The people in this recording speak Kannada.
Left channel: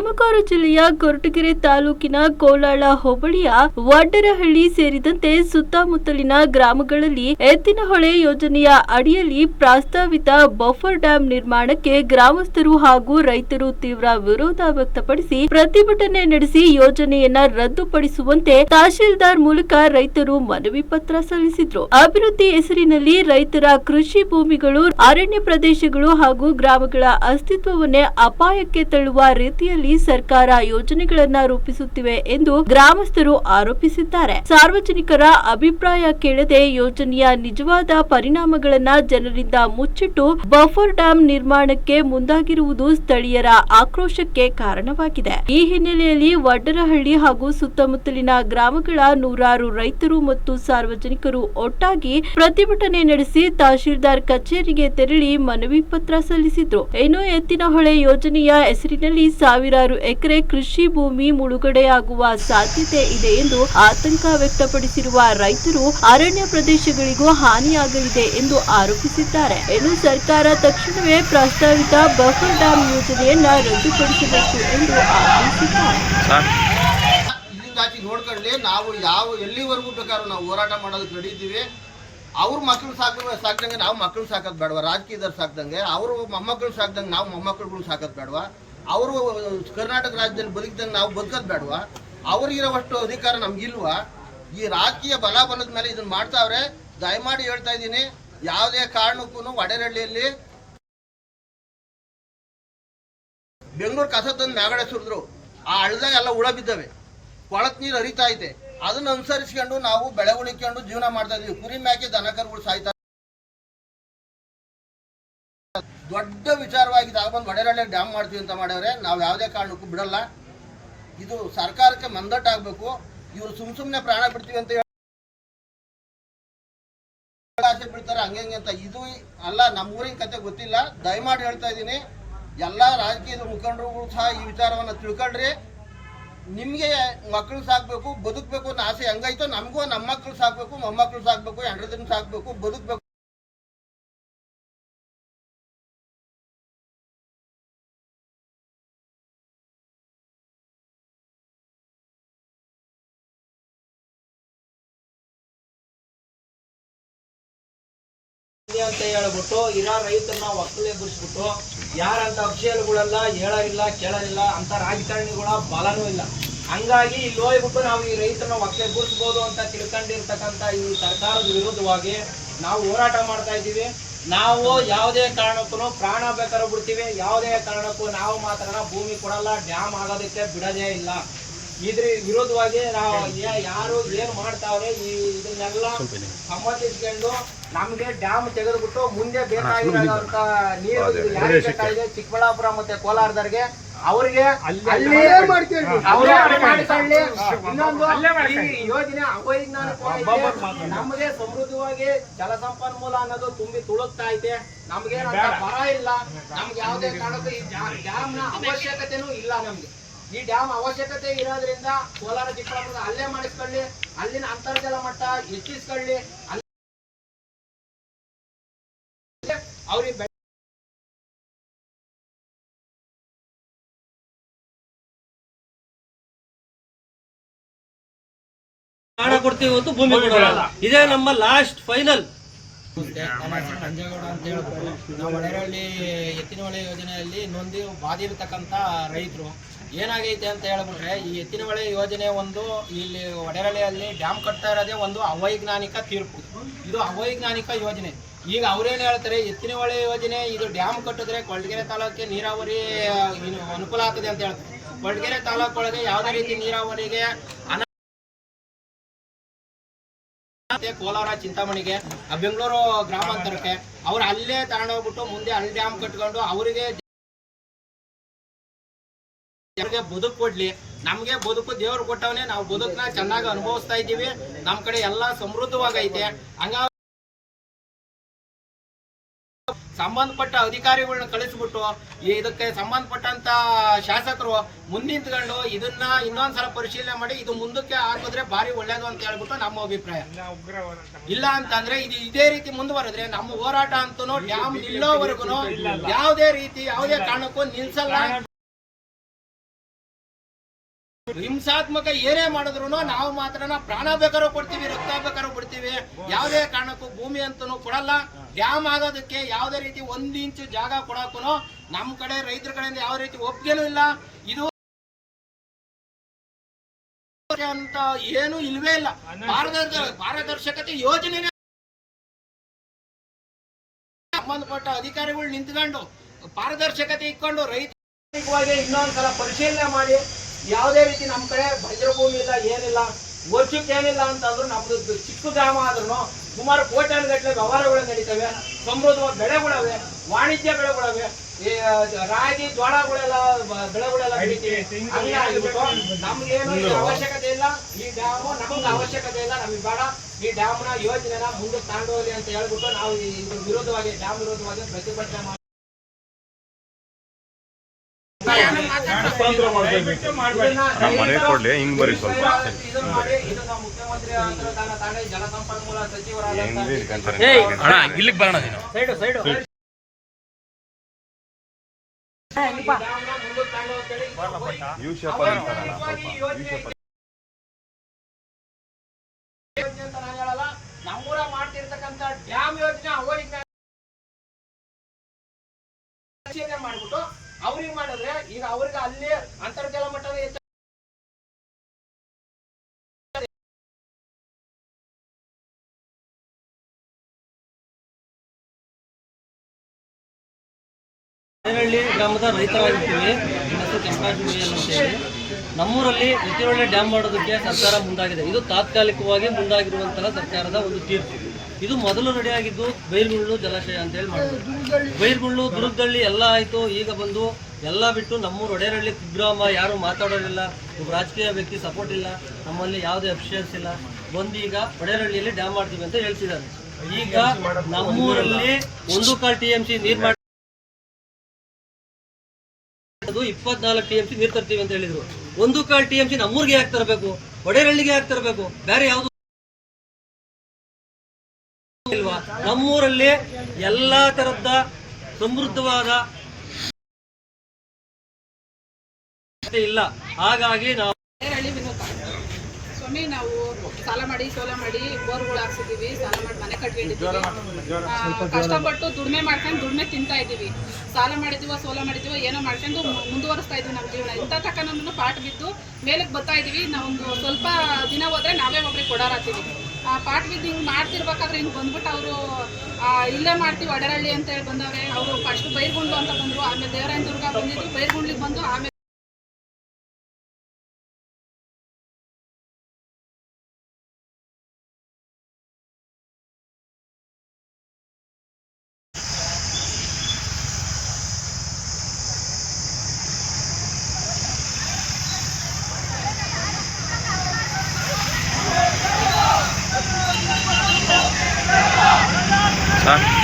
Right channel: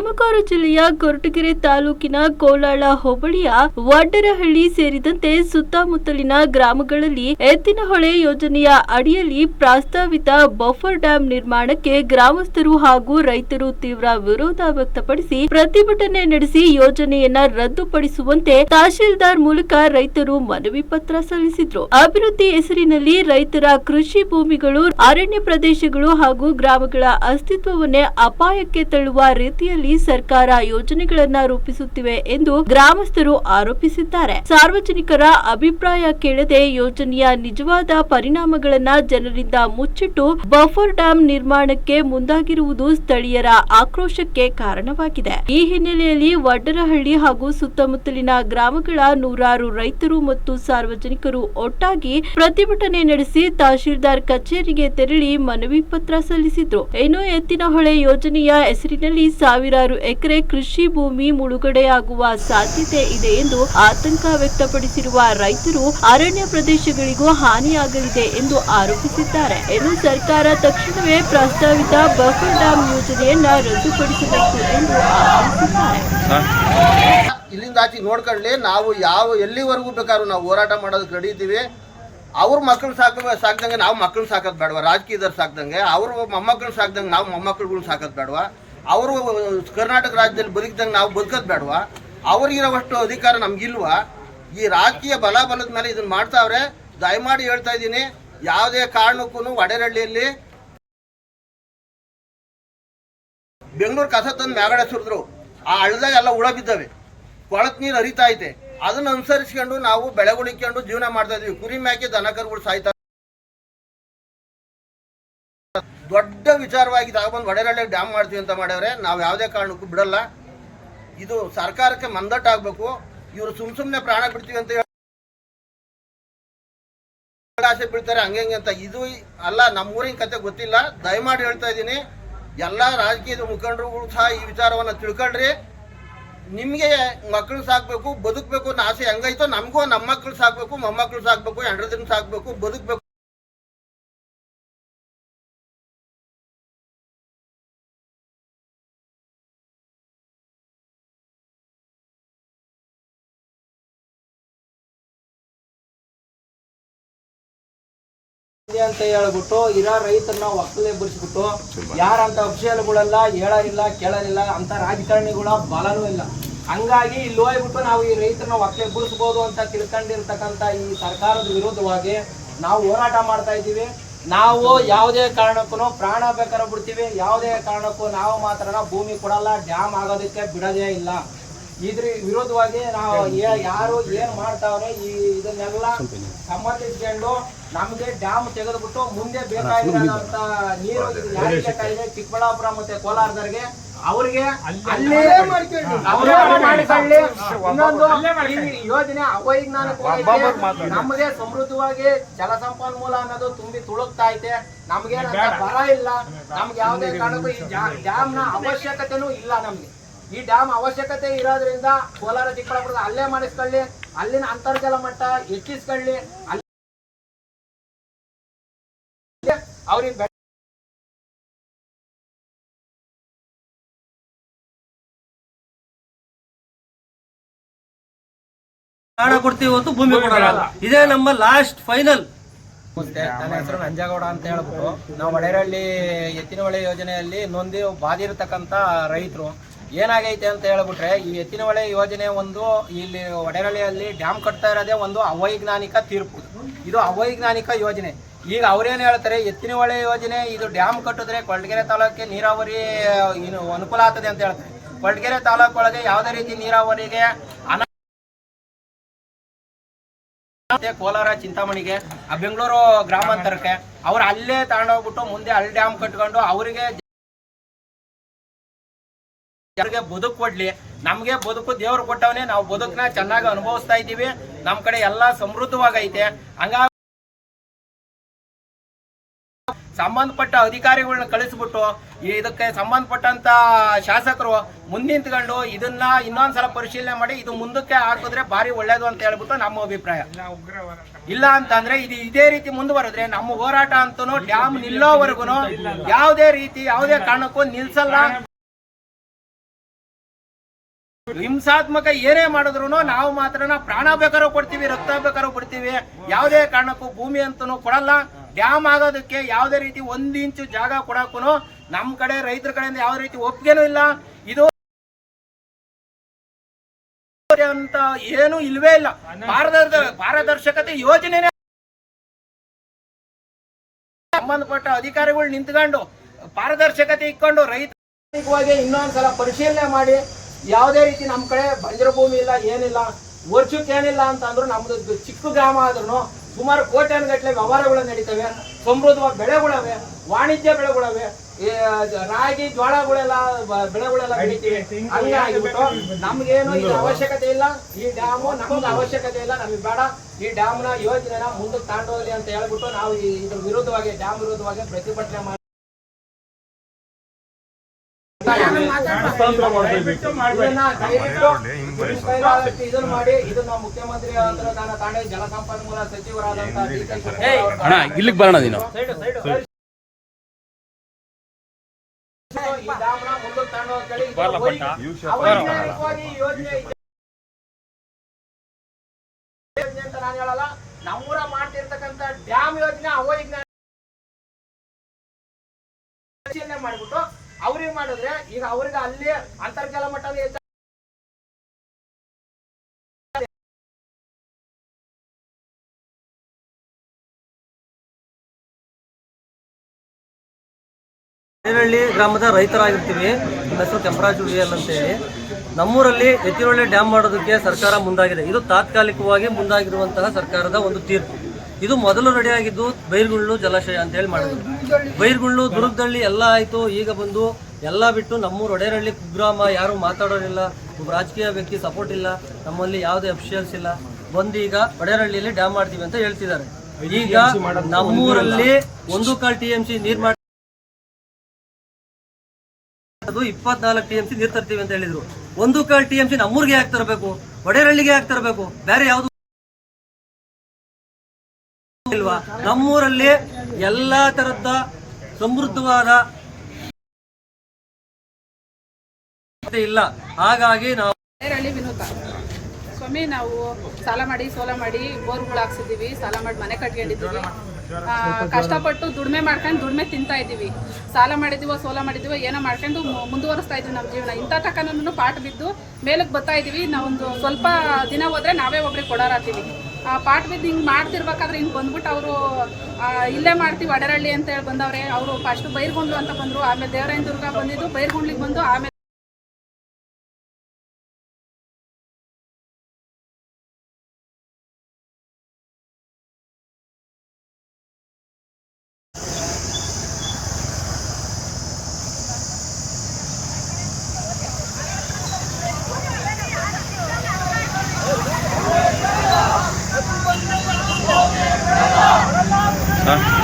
ತುಮಕೂರು ಜಿಲ್ಲೆಯ ಕೊರಟಗೆರೆ ತಾಲೂಕಿನ ಕೋಲಾಳ ಹೋಬಳಿಯ ವಡ್ಡರಹಳ್ಳಿ ಸೇರಿದಂತೆ ಸುತ್ತಮುತ್ತಲಿನ ಗ್ರಾಮಗಳಲ್ಲಿ ಎತ್ತಿನಹೊಳೆ ಯೋಜನೆಯ ಅಡಿಯಲ್ಲಿ ಪ್ರಸ್ತಾವಿತ ಬಫರ್ ಡ್ಯಾಂ ನಿರ್ಮಾಣಕ್ಕೆ ಗ್ರಾಮಸ್ಥರು ಹಾಗೂ ರೈತರು ತೀವ್ರ ವಿರೋಧ ವ್ಯಕ್ತಪಡಿಸಿ ಪ್ರತಿಭಟನೆ ನಡೆಸಿ ಯೋಜನೆಯನ್ನ ರದ್ದುಪಡಿಸುವಂತೆ ತಹಶೀಲ್ದಾರ್ ಮೂಲಕ ರೈತರು ಮನವಿ ಪತ್ರ ಸಲ್ಲಿಸಿದ್ರು. ಅಭಿವೃದ್ಧಿ ಹೆಸರಿನಲ್ಲಿ ರೈತರ ಕೃಷಿ ಭೂಮಿಗಳು, ಅರಣ್ಯ ಪ್ರದೇಶಗಳು ಹಾಗೂ ಗ್ರಾಮಗಳ ಅಸ್ತಿತ್ವವನ್ನೇ ಅಪಾಯಕ್ಕೆ ತಳ್ಳುವ ರೀತಿಯಲ್ಲಿ ಸರ್ಕಾರ ಯೋಜನೆಗಳನ್ನ ರೂಪಿಸುತ್ತಿವೆ ಎಂದು ಗ್ರಾಮಸ್ಥರು ಆರೋಪಿಸಿದ್ದಾರೆ. ಸಾರ್ವಜನಿಕರ ಅಭಿಪ್ರಾಯ ಕೇಳದೆ ಯೋಜನೆಯ ನಿಜವಾದ ಪರಿಣಾಮಗಳನ್ನ ಜನರಿಂದ ಮುಚ್ಚಿಟ್ಟು ಬಫರ್ ಡ್ಯಾಂ ನಿರ್ಮಾಣಕ್ಕೆ ಮುಂದಾಗಿರುವುದು ಸ್ಥಳೀಯರ ಆಕ್ರೋಶಕ್ಕೆ ಕಾರಣವಾಗಿದೆ. ಈ ಹಿನ್ನೆಲೆಯಲ್ಲಿ ವಡ್ಡರಹಳ್ಳಿ ಹಾಗೂ ಸುತ್ತಮುತ್ತಲಿನ ಗ್ರಾಮಗಳ ನೂರಾರು ರೈತರು ಮತ್ತು ಸಾರ್ವಜನಿಕರು ಒಟ್ಟಾಗಿ ಪ್ರತಿಭಟನೆ ನಡೆಸಿ ತಹಶೀಲ್ದಾರ್ ಕಚೇರಿಗೆ ತೆರಳಿ ಮನವಿ ಪತ್ರ ಸಲ್ಲಿಸಿದ್ರು. ಇನ್ನು ಎತ್ತಿನಹೊಳೆ ಯೋಜನೆಯ ಹೆಸರಿನಲ್ಲಿ ಸಾವಿರಾರು ಎಕರೆ ಕೃಷಿ ಭೂಮಿ ಮುಳುಗಡೆಯಾಗುವ ಸಾಧ್ಯತೆ ಇದೆ ಎಂದು ಆತಂಕ ವ್ಯಕ್ತಪಡಿಸಿರುವ ರೈತರು ಅರಣ್ಯ ಪ್ರದೇಶಗಳಿಗೂ ಹಾನಿಯಾಗಲಿದೆ ಎಂದು ಆರೋಪಿಸಿದ್ದಾರೆ. ಇನ್ನು ಸರ್ಕಾರ ತಕ್ಷಣವೇ ಪ್ರಸ್ತಾವಿತ ಬಫರ್ ಡ್ಯಾಂ ಯೋಜನೆಯನ್ನ ರದ್ದುಪಡಿಸಬೇಕು ಎಂದು ಆಗ್ರಹಿಸಿದ್ದಾರೆ. ಇಲ್ಲಿಂದಾಚಿ ನೋಡ್ಕೊಳ್ಳಿ, ನಾವು ಎಲ್ಲಿವರೆಗೂ ಬೇಕಾದ್ರೂ ನಾವು ಹೋರಾಟ ಮಾಡೋದಕ್ಕೆ ರೆಡಿ ಇದ್ದೀವಿ. ಅವ್ರ ಮಕ್ಕಳು ಸಾಕ್ದಂಗೆ ನಾವು ಮಕ್ಕಳು ಸಾಕೋದು ಬೇಡವಾ? ರಾಜಕೀಯದವ್ರು ಸಾಕ್ದಂಗೆ ಅವರು ಮೊಮ್ಮಕ್ಕಳು ಸಾಕ್ದಂಗೆ ನಾವು ಮೊಮ್ಮಕ್ಕಳುಗಳು ಸಾಕೋದು ಬೇಡವಾ? ಅವರು ಕರ್ನಾಟಕ ರಾಜ್ಯದಲ್ಲಿ ಬದುಕಿದಂಗೆ ನಾವು ಬದುಕೋದು ಬೇಡವಾ? ಅವ್ರಿಗಿರೋವಷ್ಟು ಅಧಿಕಾರ ನಮ್ಗಿಲ್ವಾ? ಈ ರಾಜಕೀಯ ಬಲದ ಮೇಲೆ ಇದನ್ನ ಮಾಡ್ತಾವ್ರೆ. ದಯಮಾಡಿ ಹೇಳ್ತಾ ಇದ್ದೀನಿ, ಯಾವುದೇ ಕಾರಣಕ್ಕೂ ವಡೇರಹಳ್ಳಿಯಲ್ಲಿ ಬೆಂಗಳೂರು ಕಸ ತಂದು ಮ್ಯಾಗಡೆ ಸುರಿದ್ರು. ಆ ಹಳ್ಳದಾಗ ಎಲ್ಲ ಹುಳ ಬಿದ್ದಾವೆ, ಕೊಳತ್ ನೀರು ಹರಿತಾ ಐತೆ. ಅದನ್ನ ಅನುಸರಿಸ್ಕೊಂಡು ನಾವು ಬೆಳೆಗಳಿಕೊಂಡು ಜೀವನ ಮಾಡ್ತಾ ಇದೀವಿ. ಕುರಿ ಮೇಕೆ ದನ ಕರುಗಳು ಸಾಯ್ತಾ. ದೊಡ್ಡ ವಿಚಾರವಾಗಿ ತಗೊಂಡ್ಬಂದು ವಡೇರಹಳ್ಳಿ ಡ್ಯಾಮ್ ಮಾಡ್ತೀವಿ ಅಂತ ಮಾಡ್ಯವ್ರೆ. ನಾವು ಯಾವುದೇ ಕಾರಣಕ್ಕೂ ಬಿಡಲ್ಲ. ಇದು ಸರ್ಕಾರಕ್ಕೆ ಮಂದಟ್ಟಾಗಬೇಕು. ಇವರು ಸುಮ್ಮನೆ ಪ್ರಾಣ ಬಿಡ್ತೀವಿ ಅಂತ ಆಸೆ ಬೀಳ್ತಾರೆ, ಹಂಗೆ ಅಂತ. ಇದು ಅಲ್ಲ, ನಮ್ಮೂರಿನ ಕತೆ ಗೊತ್ತಿಲ್ಲ. ದಯಮಾಡಿ ಹೇಳ್ತಾ ಇದ್ದೀನಿ, ಎಲ್ಲ ರಾಜಕೀಯದ ಮುಖಂಡರುಗಳು ಸಹ ಈ ವಿಚಾರವನ್ನು ತಿಳ್ಕೊಳ್ರಿ. ನಿಮಗೆ ಮಕ್ಕಳು ಸಾಕ್ಬೇಕು, ಬದುಕಬೇಕು ಅನ್ನೋ ಆಸೆ ಹೆಂಗೈತೋ ನಮಗೂ ನಮ್ಮ ಮಕ್ಕಳು ಸಾಕ್ಬೇಕು, ಮೊಮ್ಮಕ್ಕಳು ಸಾಕ್ಬೇಕು, ಹೆಂಡ್ರದನ್ನ ಸಾಕ್ಬೇಕು, ಬದುಕಬೇಕು. ಅಂತ ಹೇಳ್ಬಿಟ್ಟು ಇರೋ ರೈತರನ್ನ ಒಕ್ಕಲೇ ಬಿಡಿಸ್ಬಿಟ್ಟು ಯಾರಂತ ಅಫಿಷಿಯಲ್ಗಳೆಲ್ಲ ಹೇಳೋರಿಲ್ಲ, ಕೇಳೋರಿಲ್ಲ, ಅಂತ ರಾಜಕಾರಣಿಗಳ ಬಲನೂ ಇಲ್ಲ. ಹಂಗಾಗಿ ಇಲ್ಲಿ ಹೋಗ್ಬಿಟ್ಟು ನಾವು ಈ ರೈತರನ್ನ ಒಕ್ಕಲೇ ಬಿಡಿಸ್ಬೋದು ಅಂತ ತಿಳ್ಕೊಂಡಿರ್ತಕ್ಕಂಥ ಈ ಸರ್ಕಾರದ ವಿರುದ್ಧವಾಗಿ ನಾವು ಹೋರಾಟ ಮಾಡ್ತಾ ಇದ್ದೀವಿ. ನಾವು ಯಾವುದೇ ಕಾರಣಕ್ಕೂ ಪ್ರಾಣ ಬೇಕಾದ್ರೂ ಬಿಡ್ತೀವಿ. ಯಾವುದೇ ಕಾರಣಕ್ಕೂ ನಾವು ಮಾತ್ರ ಭೂಮಿ ಕೊಡಲ್ಲ, ಡ್ಯಾಮ್ ಆಗೋದಕ್ಕೆ ಬಿಡೋದೇ ಇಲ್ಲ. ಇದ್ರ ವಿರೋಧವಾಗಿ ನಾವು ಯಾರು ಏನ್ ಮಾಡ್ತಾವ್ರೆ ಇದನ್ನೆಲ್ಲ ಸಂಬಂಧಿಸ್ಕೊಂಡು ನಮ್ಗೆ ಡ್ಯಾಮ್ ತೆಗೆದ್ಬಿಟ್ಟು ಮುಂದೆ ಬೇಕಾಗಿರೋಂತ ನೀರು ಯಾರಿಗೆ ಬೇಕಾಗಿದೆ, ಚಿಕ್ಕಬಳ್ಳಾಪುರ ಮತ್ತೆ ಕೋಲಾರದವ್ರಿಗೆ ಅವ್ರಿಗೆ ಅಲ್ಲಿ ಮಾಡಿಕೊಳ್ಳಿ. ಇನ್ನೊಂದು, ಈ ಯೋಜನೆ ಅವೈಜ್ಞಾನಿಕ. ನಮಗೆ ಸಮೃದ್ಧವಾಗಿ ಜಲಸಂಪನ್ಮೂಲ ಅನ್ನೋದು ತುಂಬಿ ತುಳುಕ್ತಾ ಐತೆ. ನಮ್ಗೆ ಬರ ಇಲ್ಲ. ನಮ್ಗೆ ಯಾವುದೇ ಕಾರಣಕ್ಕೂ ಈ ಡ್ಯಾಮ್ ನ ಅವಶ್ಯಕತೆನೂ ಇಲ್ಲ. ನಮ್ಗೆ ಈ ಡ್ಯಾಮ್ ಅವಶ್ಯಕತೆ ಇರೋದ್ರಿಂದ ಕೋಲಾರ ಚಿಕ್ಕಬಳ್ಳಾಪುರ ಅಲ್ಲೇ ಮಾಡಿಸ್ಕೊಳ್ಳಿ, ಅಲ್ಲಿನ ಅಂತರ್ಜಲ ಮಟ್ಟ ಹೆಚ್ಚಿಸ್ಕೊಳ್ಳಿ. ಅವ್ರಿಗೆ ಪ್ರಾಣ ಕೊಡ್ತೀವಿ ಹೊತ್ತು ಭೂಮಿ ಕೊಡಲ್ಲ. ಇದೇ ನಮ್ಮ ಲಾಸ್ಟ್ ಫೈನಲ್. ನನ್ನ ಹೆಸರು ನಂಜೇಗೌಡ ಅಂತ ಹೇಳ್ಬಿಟ್ಟು ನಾವು ವಡೇರಹಳ್ಳಿ ಎತ್ತಿನಹೊಳೆ ಯೋಜನೆಯಲ್ಲಿ ನೊಂದಿ ಬಾದಿರತಕ್ಕಂಥ ರೈತರು. ಏನಾಗೈತೆ ಅಂತ ಹೇಳ್ಬಿಟ್ರೆ, ಈ ಎತ್ತಿನಹೊಳೆ ಯೋಜನೆ ಒಂದು ಇಲ್ಲಿ ವಡೇರಹಳ್ಳಿಯಲ್ಲಿ ಡ್ಯಾಮ್ ಕಟ್ತಾ ಇರೋದೇ ಒಂದು ಅವೈಜ್ಞಾನಿಕ ತೀರ್ಪು. ಇದು ಅವೈಜ್ಞಾನಿಕ ಯೋಜನೆ. ಈಗ ಅವ್ರೇನು ಹೇಳ್ತಾರೆ, ಎತ್ತಿನಹೊಳೆ ಯೋಜನೆ ಇದು ಡ್ಯಾಮ್ ಕಟ್ಟಿದ್ರೆ ಕೊರಟಗೆರೆ ತಾಲೂಕಿಗೆ ನೀರಾವರಿ ಅನುಕೂಲ ಆಗ್ತದೆ ಅಂತ ಹೇಳ್ತಾರೆ. ಕೊರಟಗೆರೆ ತಾಲೂಕೊಳಗೆ ಯಾವುದೇ ರೀತಿ ನೀರಾವರಿಗೆ ಕೋಲಾರ ಚಿಂತಾಮಣಿಗೆ ಬೆಂಗಳೂರು ಗ್ರಾಮಾಂತರಕ್ಕೆ ಅವ್ರು ಅಲ್ಲೇ ತಗೊಂಡೋಗ್ಬಿಟ್ಟು ಮುಂದೆ ಅಲ್ಲಿ ಡ್ಯಾಮ್ ಕಟ್ಕೊಂಡು ಅವರಿಗೆ ಬದುಕು ಕೊಡ್ಲಿ. ನಮ್ಗೆ ಬದುಕು ದೇವ್ರು ಕೊಟ್ಟವನೇ, ನಾವು ಬದುಕನ್ನ ಚೆನ್ನಾಗಿ ಅನುಭವಿಸ್ತಾ ಇದ್ದೀವಿ. ನಮ್ ಕಡೆ ಎಲ್ಲಾ ಸಮೃದ್ಧವಾಗೈತೆ. ಹಂಗ ಸಂಬಂಧಪಟ್ಟ ಅಧಿಕಾರಿಗಳನ್ನ ಕಳಿಸ್ಬಿಟ್ಟು ಇದಕ್ಕೆ ಸಂಬಂಧಪಟ್ಟಂತ ಶಾಸಕರು ಮುಂದಿಂತ್ಕೊಂಡು ಇದನ್ನ ಇನ್ನೊಂದ್ಸಲ ಪರಿಶೀಲನೆ ಮಾಡಿ ಇದು ಮುಂದಕ್ಕೆ ಹಾಕಿದ್ರೆ ಭಾರಿ ಒಳ್ಳೇದು ಅಂತ ಹೇಳ್ಬಿಟ್ಟು ನಮ್ಮ ಅಭಿಪ್ರಾಯ. ಇಲ್ಲ ಅಂತಂದ್ರೆ ಇದೇ ರೀತಿ ಮುಂದುವರೆದ್ರೆ ನಮ್ಮ ಹೋರಾಟ ಅಂತೂ ಡ್ಯಾಮ್ ನಿಲ್ಲೋವರೆಗೂ ಯಾವುದೇ ರೀತಿ ಯಾವುದೇ ಕಾರಣಕ್ಕೂ ನಿಲ್ಸಲ್ಲ. ಹಿಂಸಾತ್ಮಕ ಏನೇ ಮಾಡಿದ್ರು ನಾವು ಮಾತ್ರ ಪ್ರಾಣ ಬೇಕಾದ್ರೂ ಕೊಡ್ತೀವಿ, ರಕ್ತ ಬೇಕಾದ್ರೂ ಕೊಡ್ತೀವಿ. ಯಾವುದೇ ಕಾರಣಕ್ಕೂ ಭೂಮಿ ಅಂತನೂ ಕೊಡಲ್ಲ. ಡ್ಯಾಮ್ ಆಗೋದಕ್ಕೆ ಯಾವುದೇ ರೀತಿ 1 ಇಂಚು ಜಾಗ ಕೊಡಕ್ಕೂ ನಮ್ಮ ಕಡೆ ರೈತರ ಕಡೆಯಿಂದ ಯಾವ ರೀತಿ ಒಪ್ಪಿಗೆನೂ ಇಲ್ಲ. ಇದು ಅಂತ ಏನು ಇಲ್ವೇ ಇಲ್ಲ. ಪಾರದರ್ಶಕತೆ ಯೋಜನೆ ಸಂಬಂಧಪಟ್ಟ ಅಧಿಕಾರಿಗಳು ನಿಂತ್ಕೊಂಡು ಪಾರದರ್ಶಕತೆ ಇಟ್ಕೊಂಡು ರೈತರಿಗೆ ಇನ್ನೊಂದ್ಸಲ ಪರಿಶೀಲನೆ ಮಾಡಿ ಯಾವುದೇ ರೀತಿ ನಮ್ಮ ಕಡೆ ಬಂದಿರೋ ಭೂಮಿ ಇಲ್ಲ, ಏನಿಲ್ಲ, ವರ್ಷಕ್ಕೆ ಏನಿಲ್ಲ ಅಂತಂದ್ರು ನಮ್ದು ಚಿಕ್ಕ ಗ್ರಾಮ ಆದ್ರೂ ಸುಮಾರು ಕೋಟ್ಯಾನುಗಟ್ಟಲೆ ವ್ಯವಹಾರಗಳು ನಡೀತವೆ. ಸಮೃದ್ಧವಾದ ಬೆಳೆಗಳವೆ, ವಾಣಿಜ್ಯ ಬೆಳೆಗಳವೆ, ರಾಗಿ ಜೋಳಗಳೆಲ್ಲ ಬೆಳೆಗಳೆಲ್ಲ ಬೆಳಿತೀವಿ. ಹಂಗಾಗಿಬಿಟ್ಟು ನಮ್ಗೇನು ಅವಶ್ಯಕತೆ ಇಲ್ಲ. ಈ ಡ್ಯಾಮು ನಮ್ಗೆ ಅವಶ್ಯಕತೆ ಇಲ್ಲ, ನಮಗೆ ಬೇಡ. ಈ ಡ್ಯಾಮ್ನ ಯೋಜನೆನ ಮುಂದಕ್ಕೆ ತಗೊಂಡೋಗ್ಲಿ ಅಂತ ಹೇಳ್ಬಿಟ್ಟು ನಾವು ಇದ್ರ ವಿರುದ್ಧವಾಗಿ, ಡ್ಯಾಮ್ ವಿರುದ್ಧವಾಗಿ ಪ್ರತಿಭಟನೆ ಮಾಡಿ ಇದನ್ನ ಮುಖ್ಯಮಂತ್ರಿ ಅಂತರ್ಧಾನ ತಾಂಡ ಜಲಸಂಪನ್ಮೂಲ ಸಚಿವರಾದಂತ ಇಲ್ಲಿಗೆ ಬರೋಣ ನೀನು ಈ ಡ್ಯಾಮ್ನ ಮುಂದಕ್ಕೆ ತಗೊಂಡು ಅಂತೇಳಿ ಅವೈಜ್ಞಾನಿಕವಾಗಿ ಯೋಜನೆ ಅಂತ ನಾನು ಹೇಳಲ್ಲ. ನಮ್ಮೂರ ಮಾಡ್ತಿರ್ತಕ್ಕಂಥ ಡ್ಯಾಮ್ ಯೋಜನೆ ಅವೈಜ್ಞಾನಿಕ ಪರಿಶೀಲನೆ ಮಾಡ್ಬಿಟ್ಟು ಅವ್ರಿಗೆ ಮಾಡಿದ್ರೆ ಈಗ ಅವ್ರಿಗೆ ಅಲ್ಲಿ ಅಂತರ್ಜಲ ಮಟ್ಟದ ಎತ್ತಿನಹಳ್ಳಿ ಗ್ರಾಮದ ರೈತರಾಗಿರ್ತೀವಿ. ನಮ್ಮ ಹೆಸರು ಕೆಂಪರಾಜು ವಿಎಲ್ ಅಂತೇಳಿ. ನಮ್ಮೂರಲ್ಲಿ ಎತ್ತಿನಹಳ್ಳಿ ಡ್ಯಾಮ್ ಮಾಡೋದಕ್ಕೆ ಸರ್ಕಾರ ಮುಂದಾಗಿದೆ. ಇದು ತಾತ್ಕಾಲಿಕವಾಗಿ ಮುಂದಾಗಿರುವಂತಹ ಸರ್ಕಾರದ ಒಂದು ತೀರ್ಪು. ಇದು ಮೊದಲು ರೆಡಿಯಾಗಿದ್ದು ಬೈರ್ಗುಳ್ಳು ಜಲಾಶಯ ಅಂತೇಳಿ ಮಾಡಿದ್ರು. ಬೈರ್ಗುಳ್ಳು, ದುರ್ಗದಳ್ಳಿ ಎಲ್ಲ ಆಯಿತು. ಈಗ ಬಂದು ಎಲ್ಲ ಬಿಟ್ಟು ನಮ್ಮೂರು ಒಡೆರಹಳ್ಳಿ ಕುಗ್ರಾಮ, ಯಾರು ಮಾತಾಡೋರಿಲ್ಲ, ಒಬ್ಬ ರಾಜಕೀಯ ವ್ಯಕ್ತಿ ಸಪೋರ್ಟ್ ಇಲ್ಲ, ನಮ್ಮಲ್ಲಿ ಯಾವುದೇ ಅಫಿಷಿಯಲ್ಸ್ ಇಲ್ಲ. ಬಂದು ಈಗ ಒಡೆರಹಳ್ಳಿಯಲ್ಲಿ ಡ್ಯಾಮ್ ಮಾಡ್ತೀವಿ ಅಂತ ಹೇಳ್ತಿದ್ದಾರೆ. ಈಗ ನಮ್ಮೂರಲ್ಲಿ 1.25 TMC ನೀರು ಮಾಡಿ 24 TMC ನೀರು ತರ್ತೀವಿ ಅಂತ ಹೇಳಿದ್ರು. 1.25 TMC ನಮ್ಮೂರಿಗೆ ಯಾಕೆ ತರಬೇಕು, ಒಡೆರಹಳ್ಳಿಗೆ ಯಾಕೆ ತರಬೇಕು, ಬೇರೆ ಯಾವುದು ಇಲ್ವಾ? ನಮ್ಮೂರಲ್ಲಿ ಎಲ್ಲಾ ತರದ ಸಮೃದ್ಧವಾದ ಇಲ್ಲ. ಹಾಗಾಗಿ ನಾವು ಸ್ವಾಮಿ ನಾವು ಸಾಲ ಮಾಡಿ ಸೋಲ ಮಾಡಿ ಬೋರ್ಗಳು ಹಾಕ್ಸಿದ್ದೀವಿ, ಸಾಲ ಮಾಡಿ ಮನೆ ಕಟ್ಕೊಂಡಿದ್ದೀವಿ, ಕಷ್ಟಪಟ್ಟು ದುಡಿಮೆ ಮಾಡ್ಕೊಂಡು ದುಡಿಮೆ ತಿಂತಾ ಇದ್ದೀವಿ. ಸಾಲ ಮಾಡಿದ್ದೀವೋ ಸೋಲ ಮಾಡಿದ್ದೀವೋ ಏನೋ ಮಾಡ್ಕೊಂಡು ಮುಂದುವರಿಸ್ತಾ ಇದ್ವಿ ನಮ್ಮ ಜೀವನ. ಇಂಥ ತಕ್ಕನೂ ಪಾಠ ಬಿದ್ದು ಮೇಲಕ್ಕೆ ಬರ್ತಾ ಇದ್ದೀವಿ. ನಾವೊಂದು ಸ್ವಲ್ಪ ದಿನ ಹೋದರೆ ನಾವೇ ಒಬ್ಬರಿಗೆ ಕೊಡಾರಾತೀವಿ. ಪಾಠ ಬಿದ್ದು ಹಿಂಗೆ ಮಾಡ್ತಿರ್ಬೇಕಾದ್ರೆ ಹಿಂಗೆ ಬಂದ್ಬಿಟ್ಟು ಅವರು ಇಲ್ಲೇ ಮಾಡ್ತೀವಿ ಒಡೆರಹಳ್ಳಿ ಅಂತ ಹೇಳಿ ಬಂದವ್ರೆ. ಅವರು ಫಸ್ಟ್ ಬೈರ್ಗುಂಡ್ಲು ಅಂತ ಬಂದರು, ಆಮೇಲೆ ದೇವರಾಯನ ದುರ್ಗ ಬಂದಿದ್ದು, ಬೈರ್ಗುಂಡ್ಲಿಗೆ ಬಂದು ಆಮೇಲೆ Hah?